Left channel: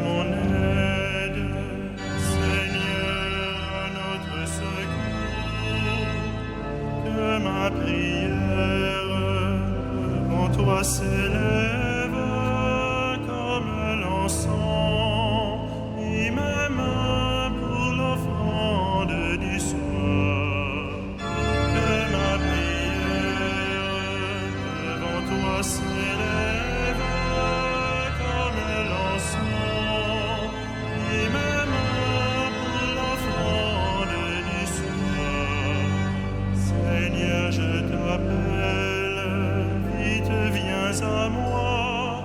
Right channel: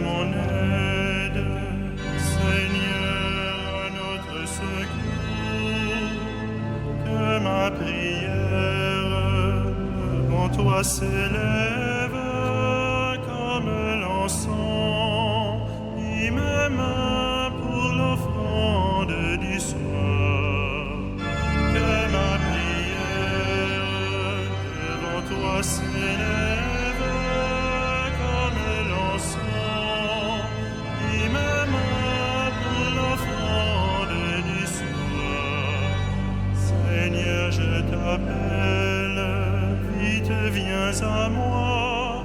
mon aide, Seigneur, à notre secours. Que ma prière devant toi s'élève comme l'encens, et même pour l'offrande du soir. Que ma prière devant toi s'élève comme l'encens, et même pour l'offrande du soir. Seigneur, je t'appelle, vite viens à moi,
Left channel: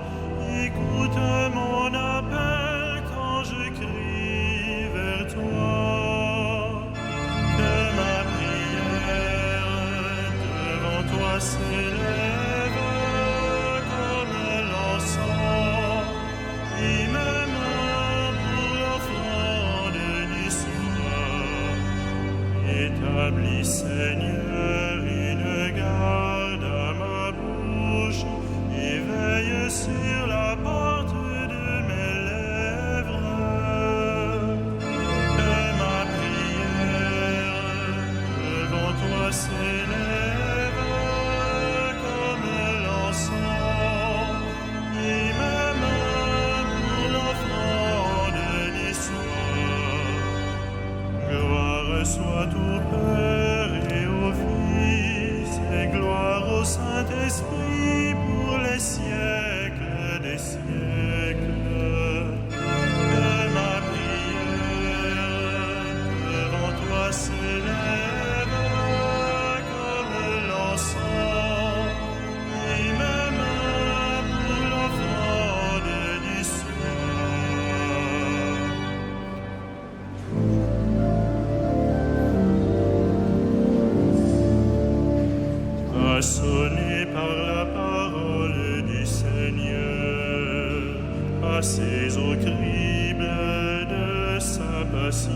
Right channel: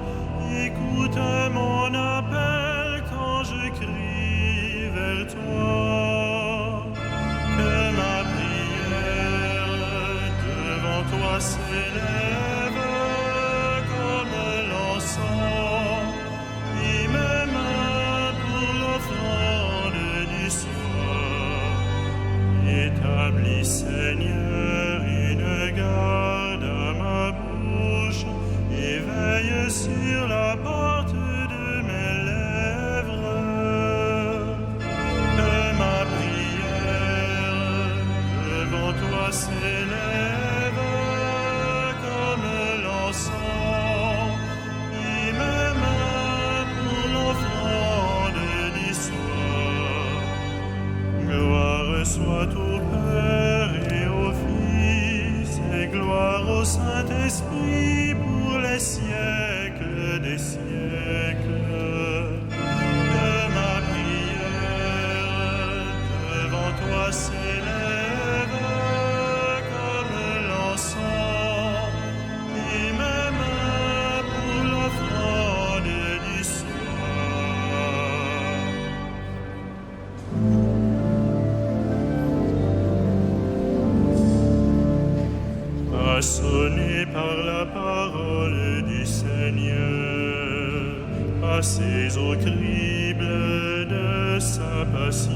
écoute mon appel quand je crie vers toi. Que ma prière devant toi s'élève comme l'encens, et même pour l'offrande du soir. Établis, Seigneur, une garde à ma bouche, et veille sur la porte de mes lèvres. Que ma prière devant toi s'élève comme l'encens, et même pour l'offrande du soir. Gloire soit au Père et au Fils, et gloire au Saint-Esprit pour les siècles des siècles. Que ma prière devant toi s'élève comme l'encens, et même pour l'offrande du soir. Façonné par la parole du Seigneur, passez au crible de sa passion,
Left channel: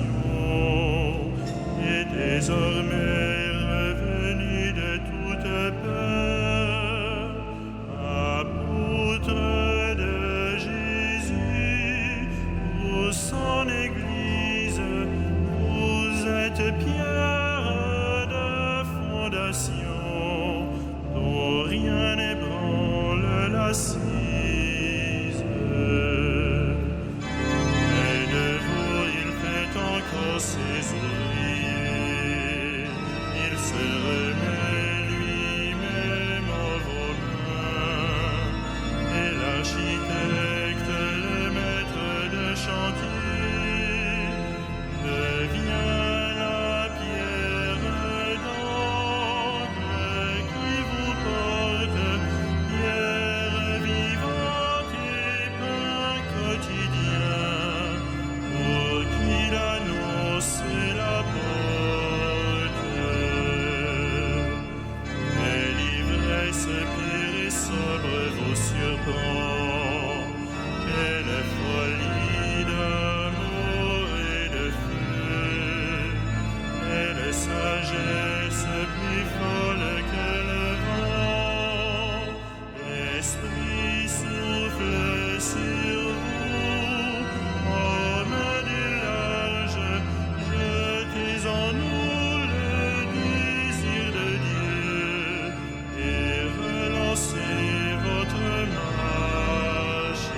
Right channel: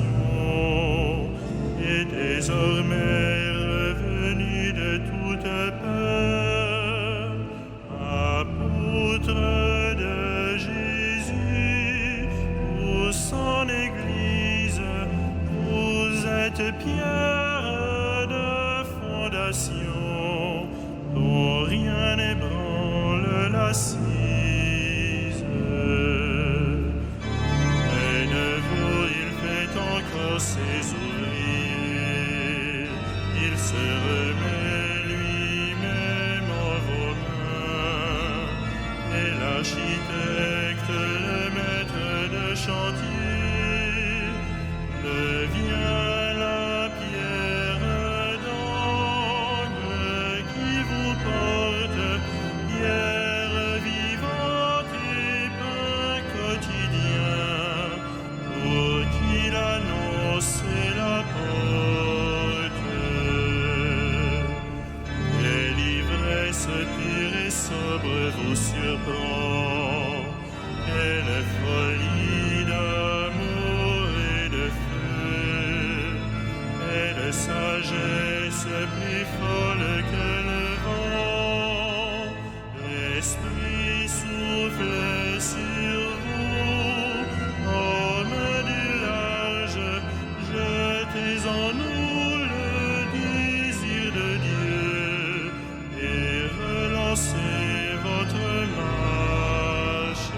et désormais revenu de toute peur, apôtre de Jésus, pour son Église, vous êtes pierre de fondation, dont rien n'ébranle l'assise. Mais de vous il fait encore ses ouvriers, il se remet lui-même en vos mains, et l'architecte, le maître de chantier, devient la pierre d'angle qui vous porte, pierre vivante et pain quotidien, pour qui l'annonce et la porte. Et l'ivresse pure et sobre vous surprend, quelle folie d'amour et de feu, quelle sagesse plus folle que le vent. L'Esprit souffle sur vous, hommes du large, jetez en nous le désir de Dieu, et relancez votre marche.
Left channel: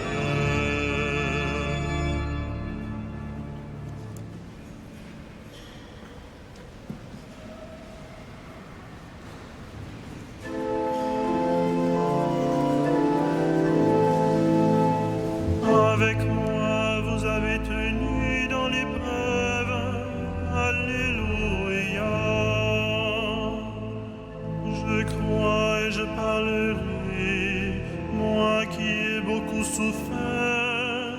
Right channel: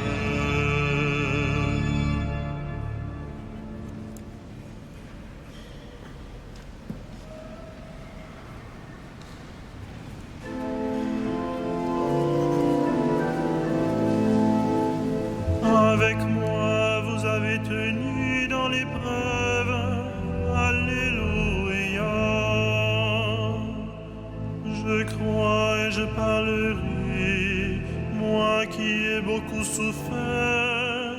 Avec moi, vous avez tenu dans l'épreuve. Alléluia. Je crois et je parlerai, moi qui ai beaucoup souffert,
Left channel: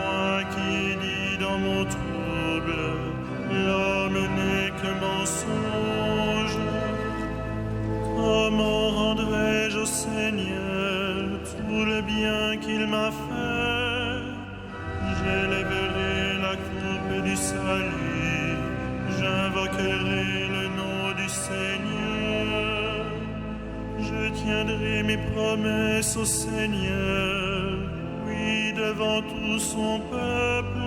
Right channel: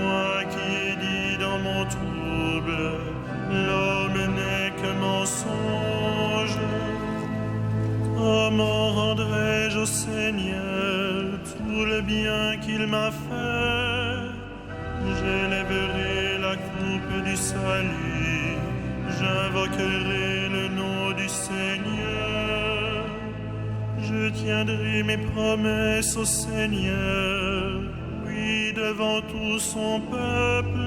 moi qui ai dit dans mon trouble, l'homme n'est que mensonge. Comment rendrai-je au Seigneur tout le bien qu'il m'a fait? J'élèverai la coupe du salut, j'invoquerai le nom du Seigneur. Je tiendrai mes promesses au Seigneur, puis devant tout son peuple,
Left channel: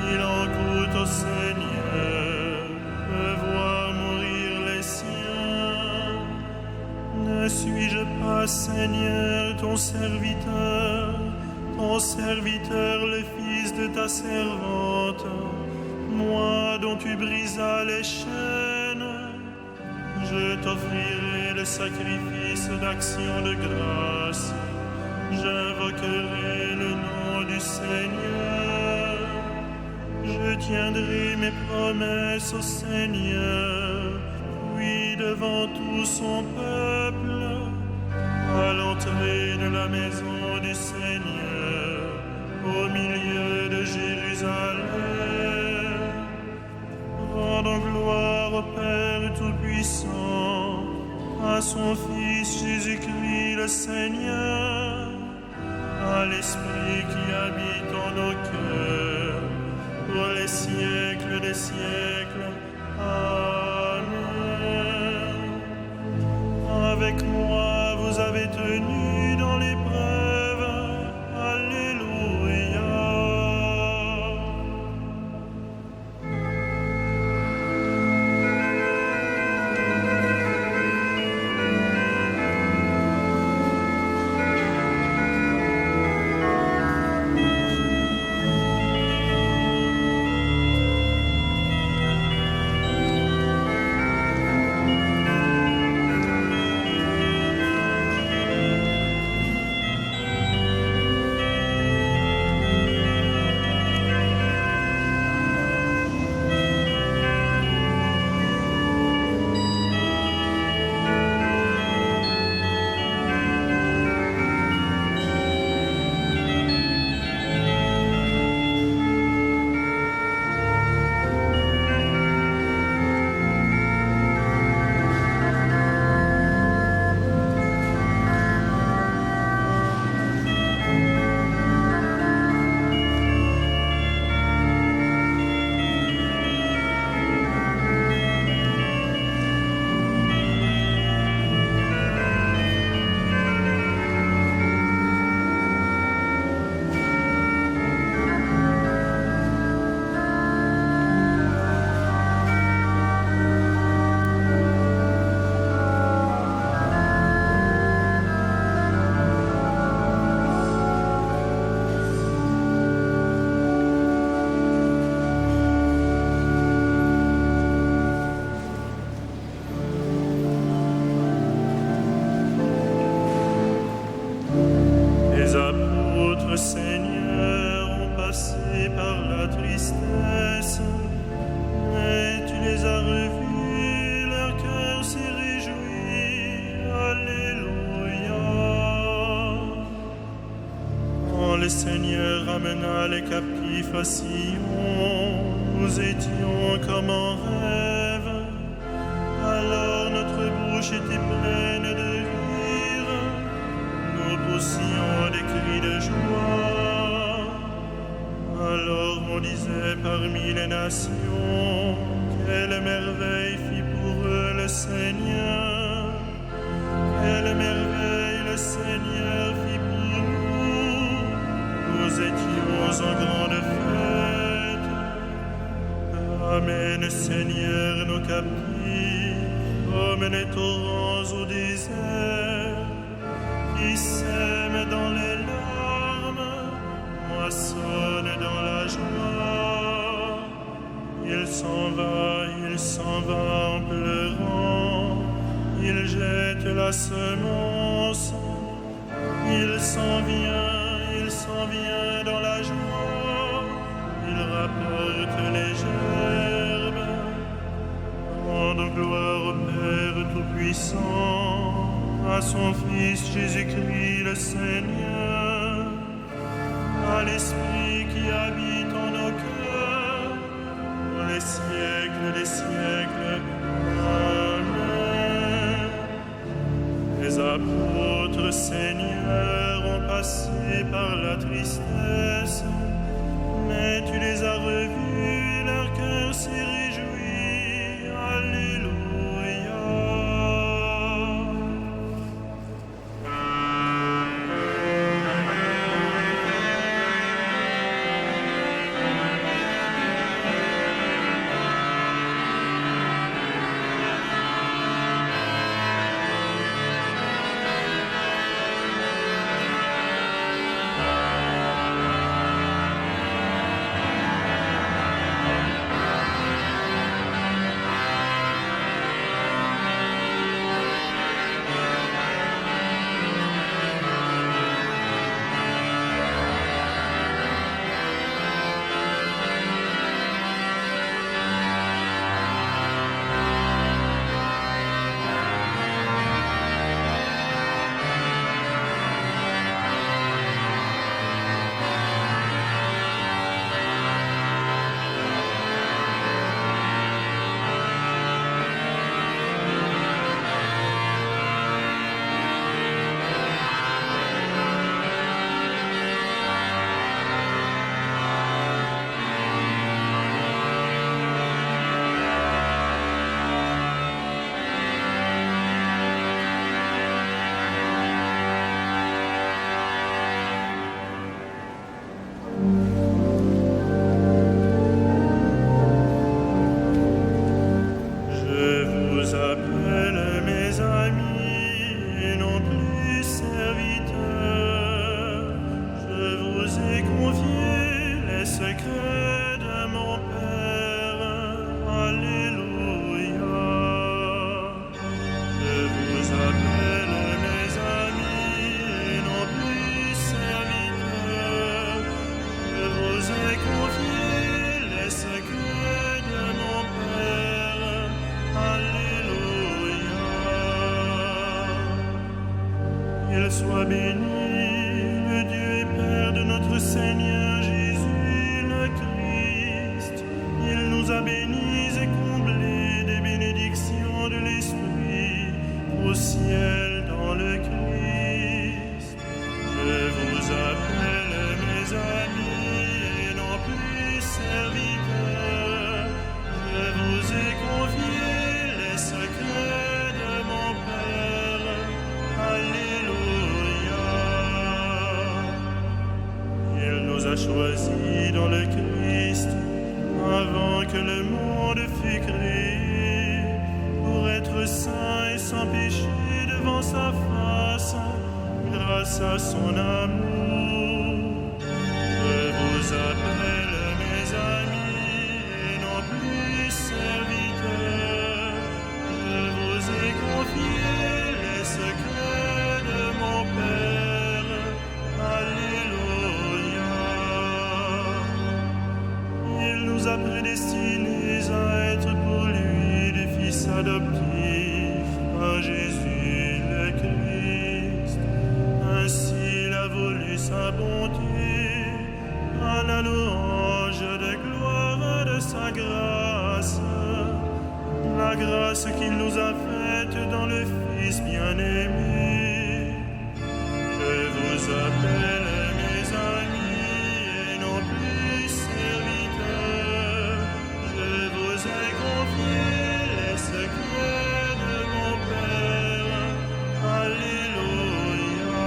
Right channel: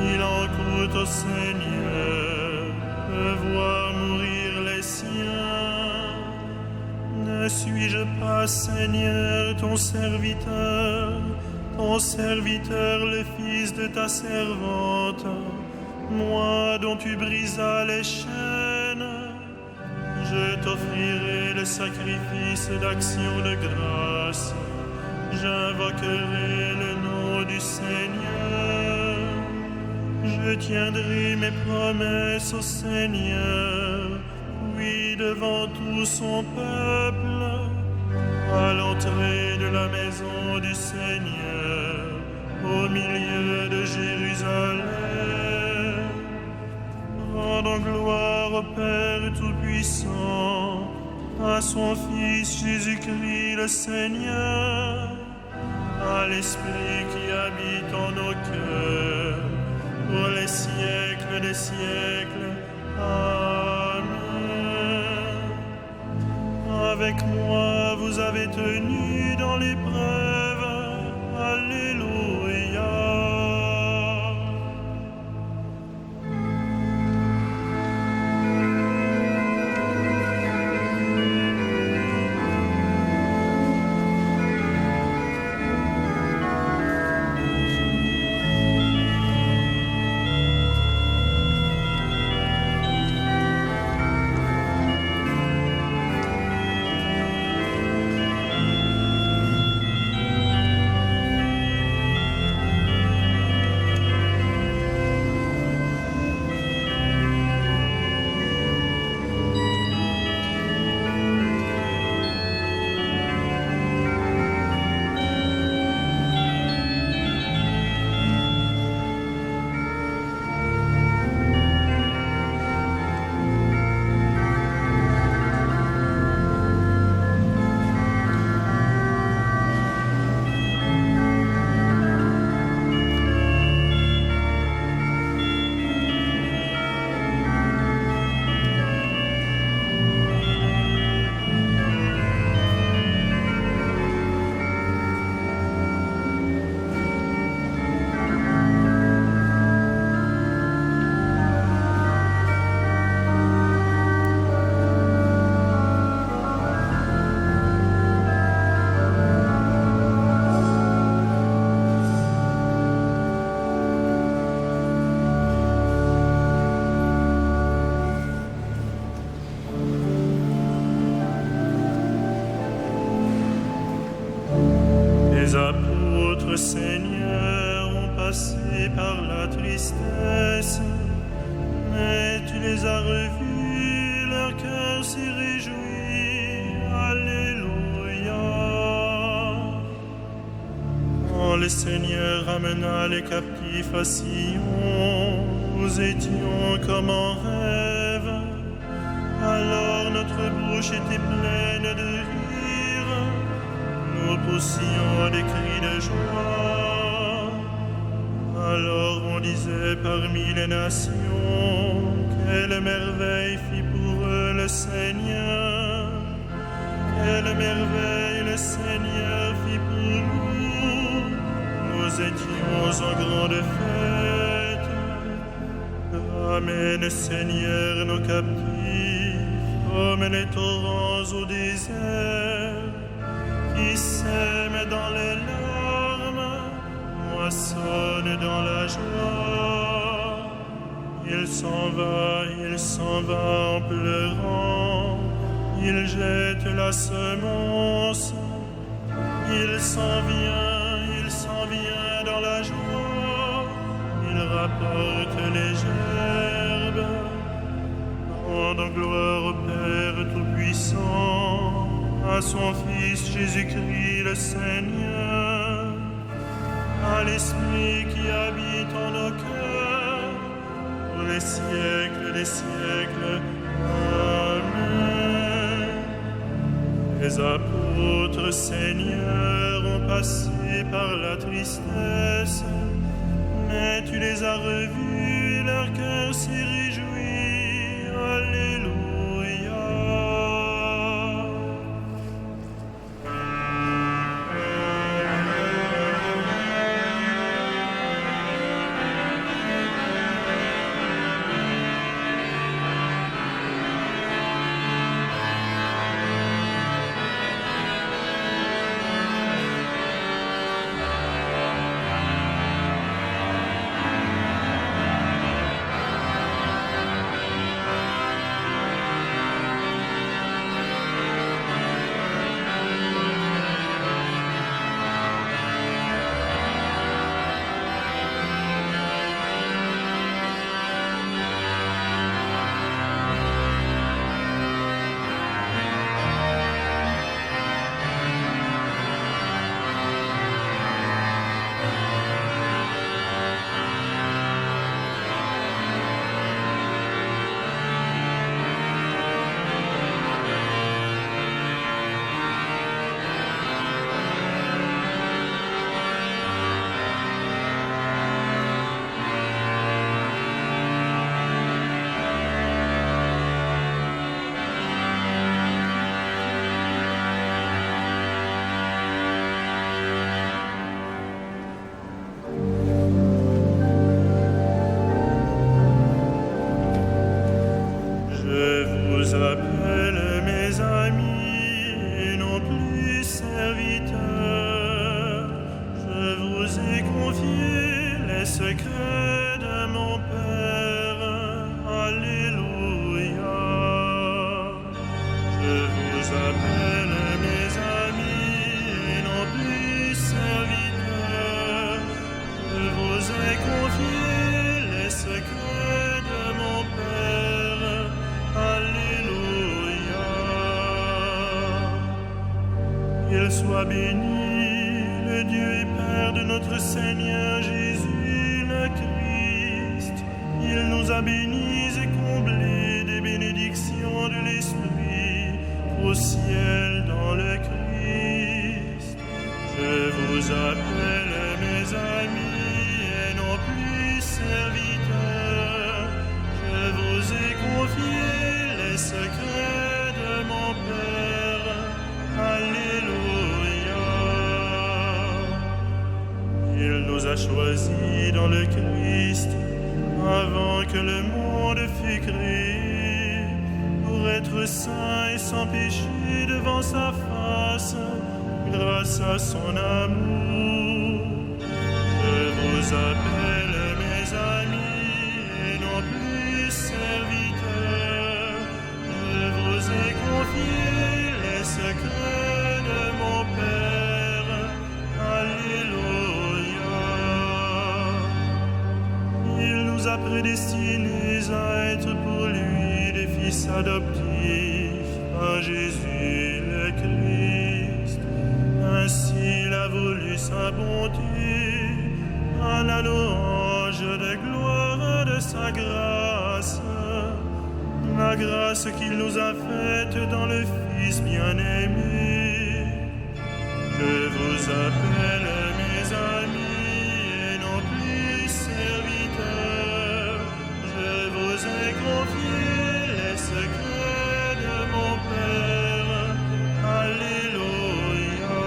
il en coûte au Seigneur de voir mourir les siens. Ne suis-je pas, Seigneur, ton serviteur, le fils de ta servante, moi dont tu brisas les chaînes? Je t'offrirai le sacrifice d'action de grâce, j'invoquerai le nom du Seigneur. Je tiendrai mes promesses au Seigneur, oui, devant tout son peuple, à l'entrée de la maison du Seigneur, au milieu de Jérusalem. Rendons gloire au Père Tout-Puissant, à son Fils Jésus-Christ le Seigneur, à l'Esprit qui habite en nos cœurs, pour les siècles des siècles. Amen. Avec moi vous avez tenu dans l'épreuve. Alléluia. Les apôtres, Seigneur, ont passé par la tristesse, mais tu les as revus, leur cœur s'est réjoui. Alléluia. Quand le Seigneur ramena les captifs à Sion, nous étions comme en rêve. Alors notre bouche était pleine de rire, nous poussions des cris de joie. Alors on disait parmi les nations, quelle merveille fit pour eux le Seigneur. Quelle merveille le Seigneur fit pour nous. Nous étions en grande fête. Ramène, Seigneur, nos captifs, comme les torrents au désert, qui sème dans les larmes, moissonne dans la joie. Il s'en va en pleurant, il jette la semence. Il s'en vient dans la joie, il rapporte les gerbes. Rendons gloire au Père Tout-Puissant, à son Fils Jésus-Christ le Seigneur, à l'Esprit qui habite en nos cœurs, pour les siècles des siècles. Amen. Les apôtres, Seigneur, ont passé par la tristesse, mais tu les as revus, leur cœur s'est réjoui. Alléluia. amis et non plus serviteurs. Je vous ai confié les secrets de mon Père. Alléluia. Je vous appelle mes amis et non plus serviteurs. Je vous ai confié les secrets de mon Père. Alléluia. Il soit béni, le Dieu et Père de notre Seigneur Jésus le Christ. Il nous a bénis et comblés des bénédictions de l'Esprit au ciel dans le Christ. Je vous appelle mes amis et non plus serviteurs. Je vous ai confié les secrets de mon Père. Alléluia. Il nous a choisis dans le Christ avant que le monde fût créé, pour être saints et sans péché devant sa face, grâce à son amour. Je vous appelle mes amis et non plus serviteurs. Je vous ai confié les secrets de mon Père. Alléluia. Il nous a prédestinés à être pour lui des fils adoptifs par Jésus le Christ. Ainsi il a voulu sa bonté, à la louange de gloire de sa grâce, la grâce qu'il nous a faite dans le Fils bien-aimé. Je vous appelle mes amis et non plus serviteurs. Je vous ai confié les secrets de mon Père. Alléluia.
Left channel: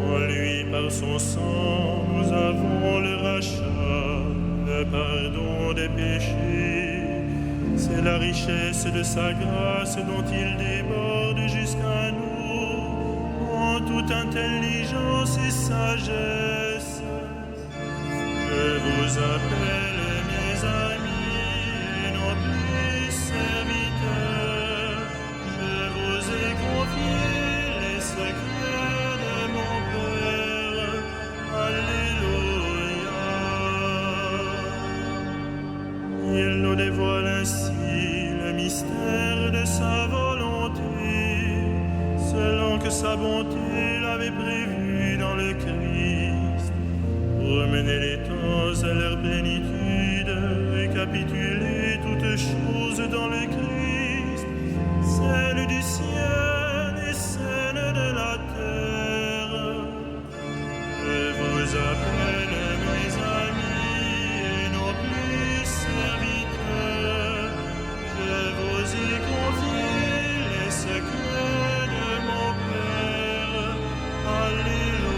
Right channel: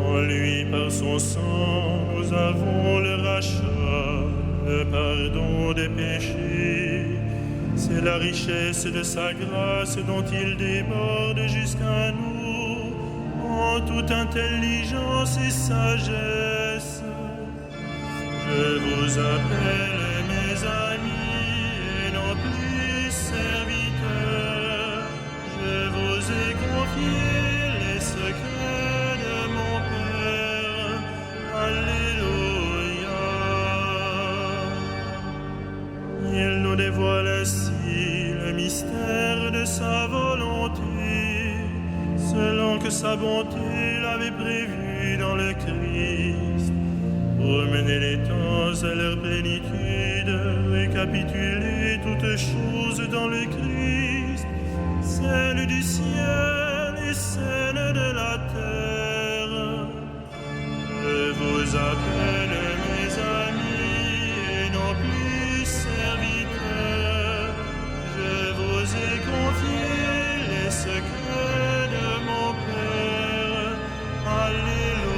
En lui, par son sang, nous avons le rachat, le pardon des péchés. C'est la richesse de sa grâce dont il déborde jusqu'à nous en toute intelligence et sagesse. Je vous appelle mes amis et non plus serviteurs. Je vous ai confié les secrets de mon Père. Alléluia. Il nous dévoile ainsi le mystère de sa volonté, selon que sa bonté l'avait prévu dans le Christ, pour mener les temps à leur plénitude, récapituler toutes choses dans le Christ, celles du ciel et celles de la terre. Je vous appelle mes amis et non plus serviteurs. Je vous ai confié les secrets de mon Père. Alléluia.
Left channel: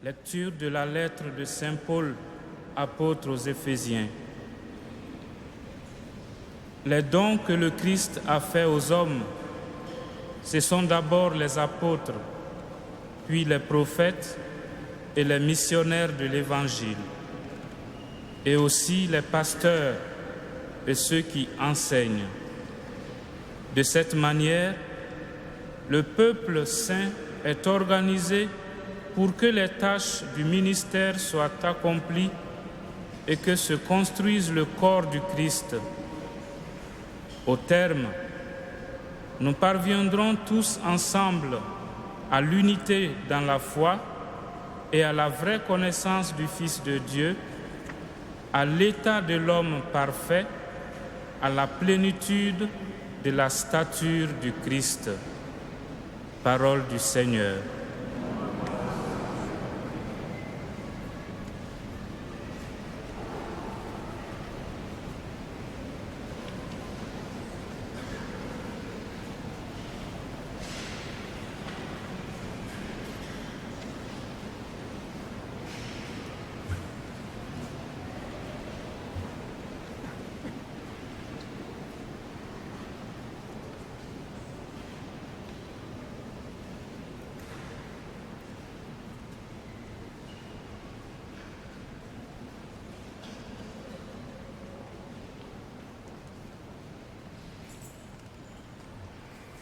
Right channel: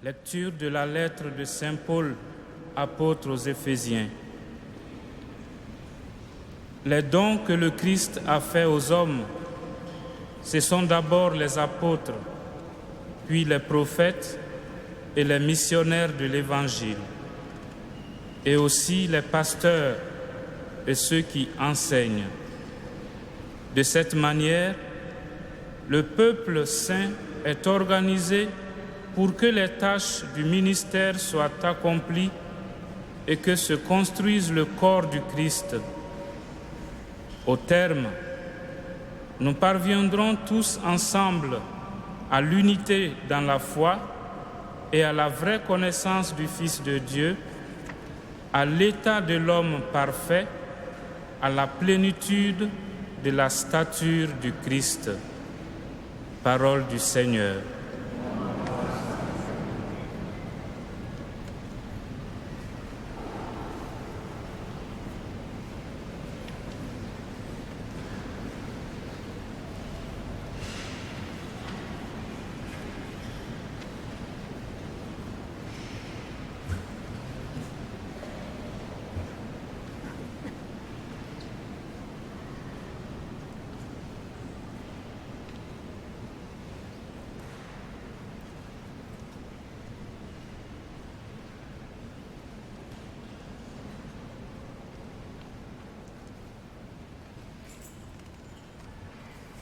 Lecture de la lettre de Saint Paul, apôtre aux Éphésiens. Les dons que le Christ a faits aux hommes, ce sont d'abord les apôtres, puis les prophètes et les missionnaires de l'Évangile, et aussi les pasteurs et ceux qui enseignent. De cette manière, le peuple saint est organisé pour que les tâches du ministère soient accomplies et que se construise le corps du Christ. Au terme, nous parviendrons tous ensemble à l'unité dans la foi et à la vraie connaissance du Fils de Dieu, à l'état de l'homme parfait, à la plénitude de la stature du Christ. Parole du Seigneur.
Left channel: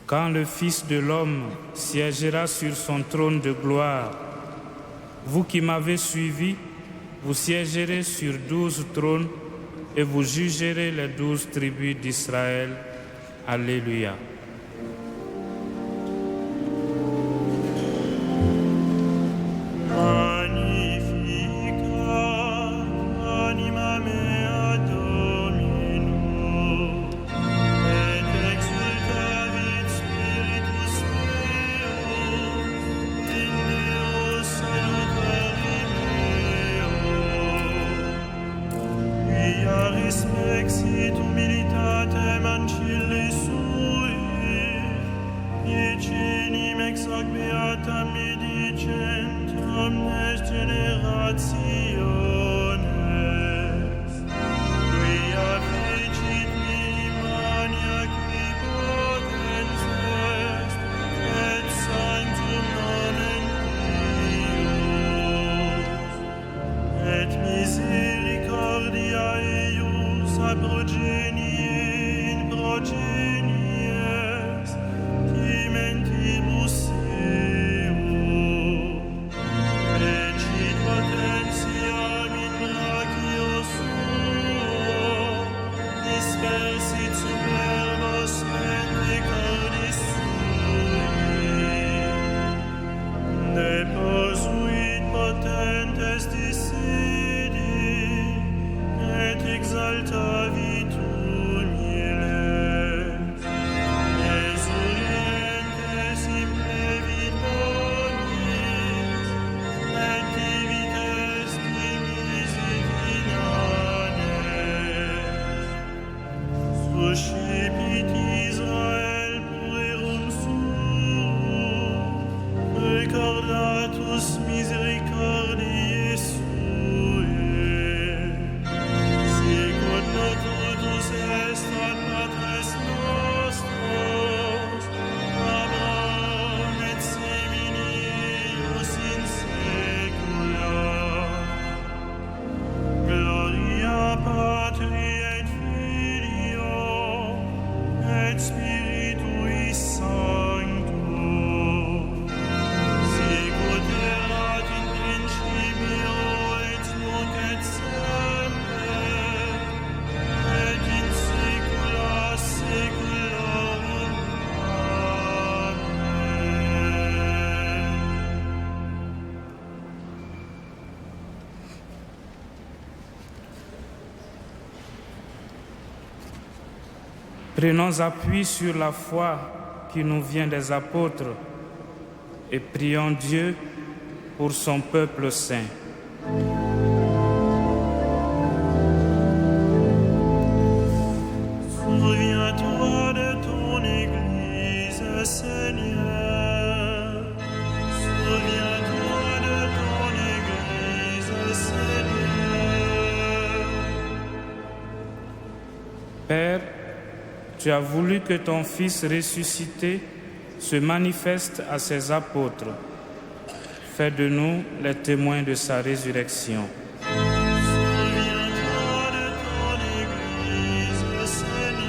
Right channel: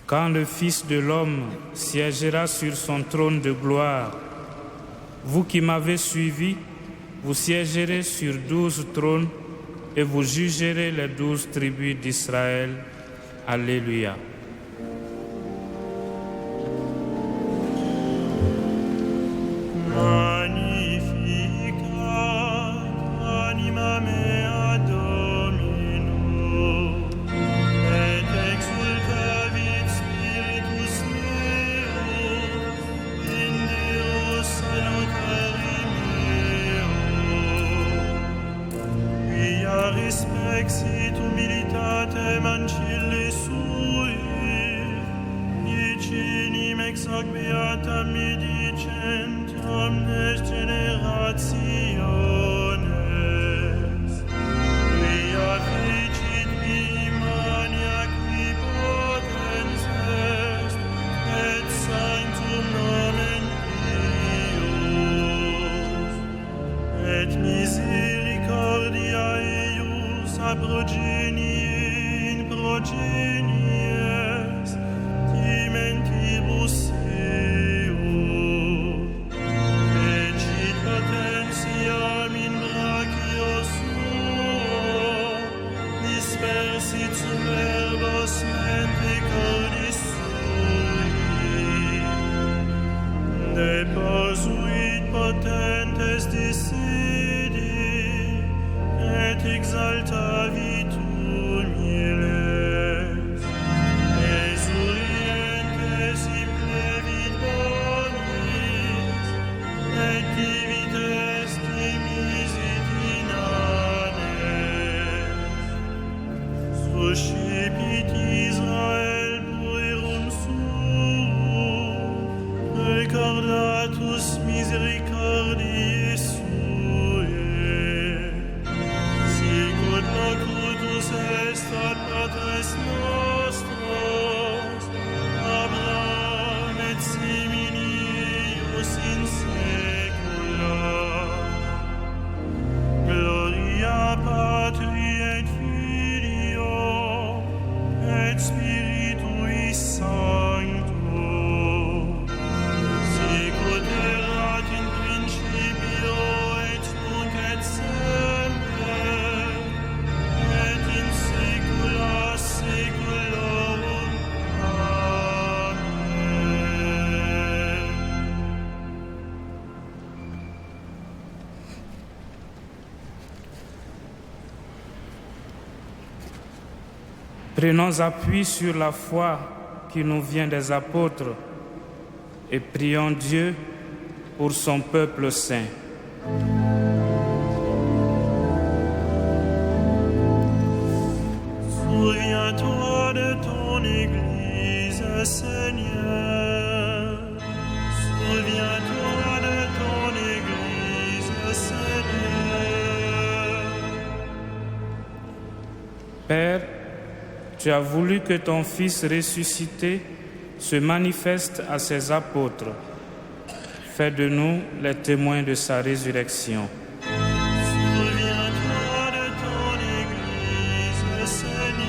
Quand le Fils de l'homme siégera sur son trône de gloire, vous qui m'avez suivi, vous siégerez sur 12 trônes et vous jugerez les 12 tribus d'Israël. Alléluia. Magnificat anima mea Domino, et exultavit spiritus meus in Deo salutari meo. Quia respexit humilitatem ancille sui, Iecinim ex hoc beatam medicent omnes generationes, quia fecit mania qui potens est, et sanctum nomen Deus, et misericordia eius a progenie in progenies, mentibus eo, fecit potentiam in brachio suo, dispersit superbos mente cordis sui, deposuit potentes dissidi, et exaltavit humiles, simple bonis, et divites dimisit inanes. Suscipit Israel puerum suum, recordatus misericordiae suae, sicut locutus est ad patres nostros, Abraham et seminius in saecula. Gloria Patri et Filio et Spiritui Sancto, sicut erat in principio et nunc et semper et in saecula saeculorum. Prenons appui sur la foi qui nous vient des apôtres et prions Dieu pour son peuple saint. Souviens-toi de ton Église, Seigneur. Souviens-toi de ton Église, Seigneur. Père, tu as voulu que ton Fils ressuscité se manifeste à ses apôtres. Fais de nous les témoins de sa résurrection. Souviens-toi de ton Église, Seigneur.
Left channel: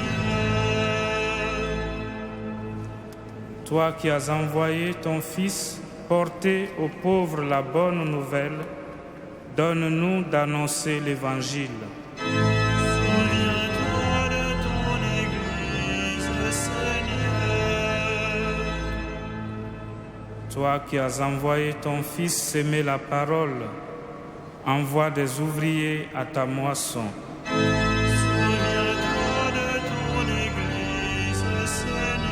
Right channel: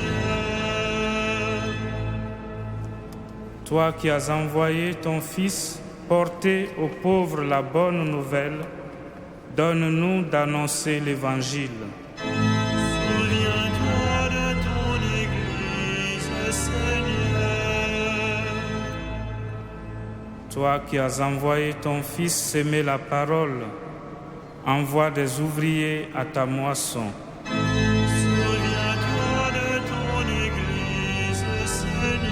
Toi qui as envoyé ton Fils porter aux pauvres la bonne nouvelle, donne-nous d'annoncer l'Évangile. Souviens-toi de ton Église, Seigneur. Toi qui as envoyé ton Fils s'aimer la parole, envoie des ouvriers à ta moisson. Souviens-toi de ton Église, Seigneur.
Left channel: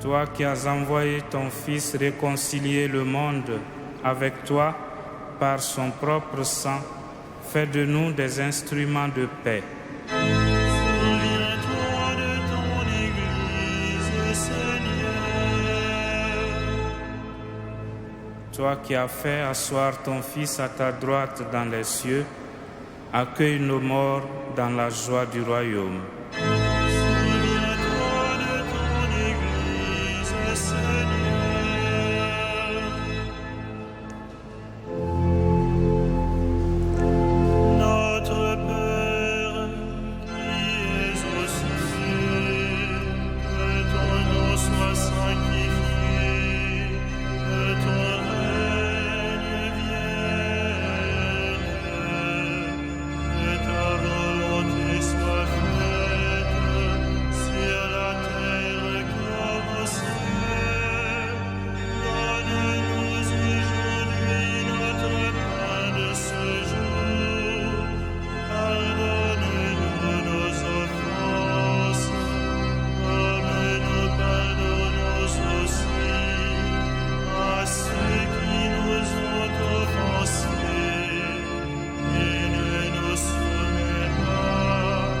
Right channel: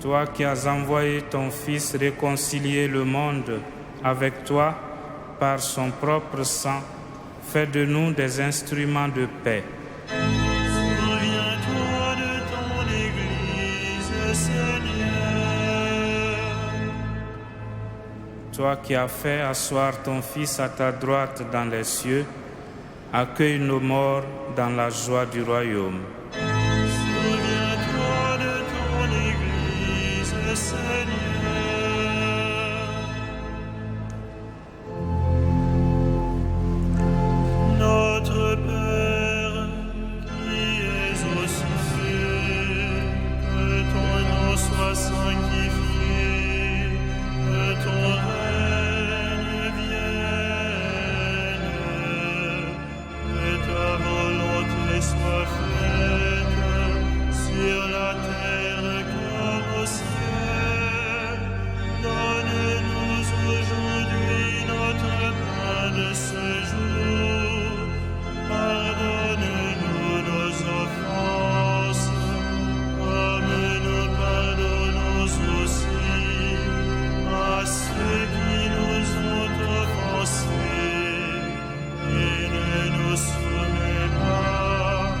Toi qui as envoyé ton Fils réconcilier le monde avec toi par son propre sang, fais de nous des instruments de paix. Souviens-toi de ton Église, Seigneur. Toi qui as fait asseoir ton Fils à ta droite dans les cieux, accueille nos morts dans la joie du royaume. Souviens-toi de ton Église, Seigneur. Notre Père, qui es aux cieux, que ton nom soit sanctifié, que ton règne vienne, que ta volonté soit faite sur la terre comme au ciel. Donne-nous aujourd'hui notre pain de ce jour. Pardonne-nous nos offenses, comme nous pardonnons aussi à ceux qui nous ont offensés. Et ne nous soumets pas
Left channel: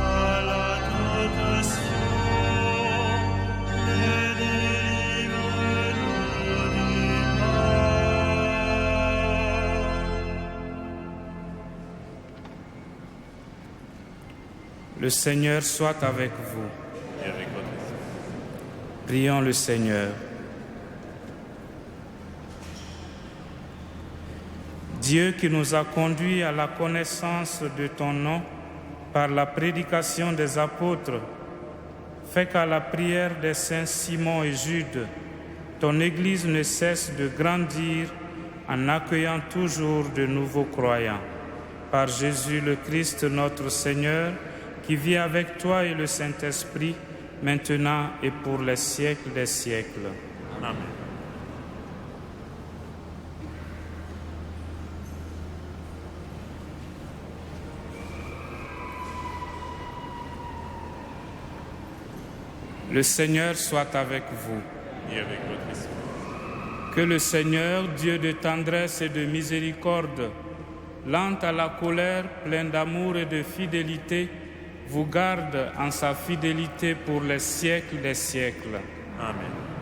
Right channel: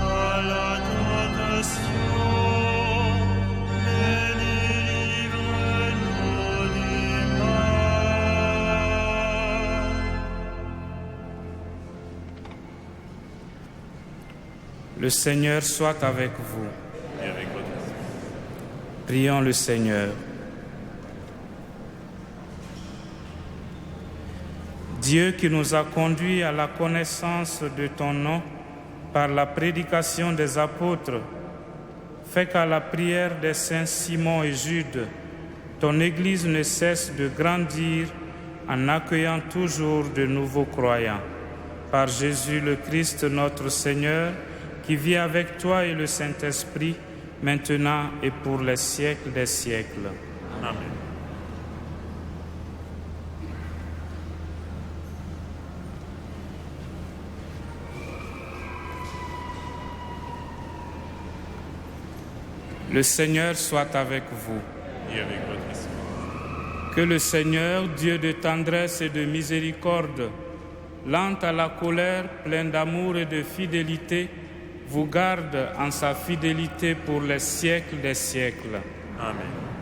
à la tentation, mais délivre-nous du mal. Le Seigneur soit avec vous. Et avec votre esprit. Prions le Seigneur. Dieu qui nous a conduits à la connaissance de ton nom par la prédication des apôtres, fais qu'à la prière des saints Simon et Jude, ton Église ne cesse de grandir en accueillant toujours de nouveaux croyants. Par Jésus le Christ notre Seigneur, qui vit avec toi et le Saint-Esprit, maintenant et pour les siècles des siècles. Amen. Le Seigneur soit avec vous. Et avec votre esprit. Que le Seigneur, Dieu de tendresse et de miséricorde, lent à la colère, plein d'amour et de fidélité, vous garde en sa fidélité pour les siècles des siècles. Amen.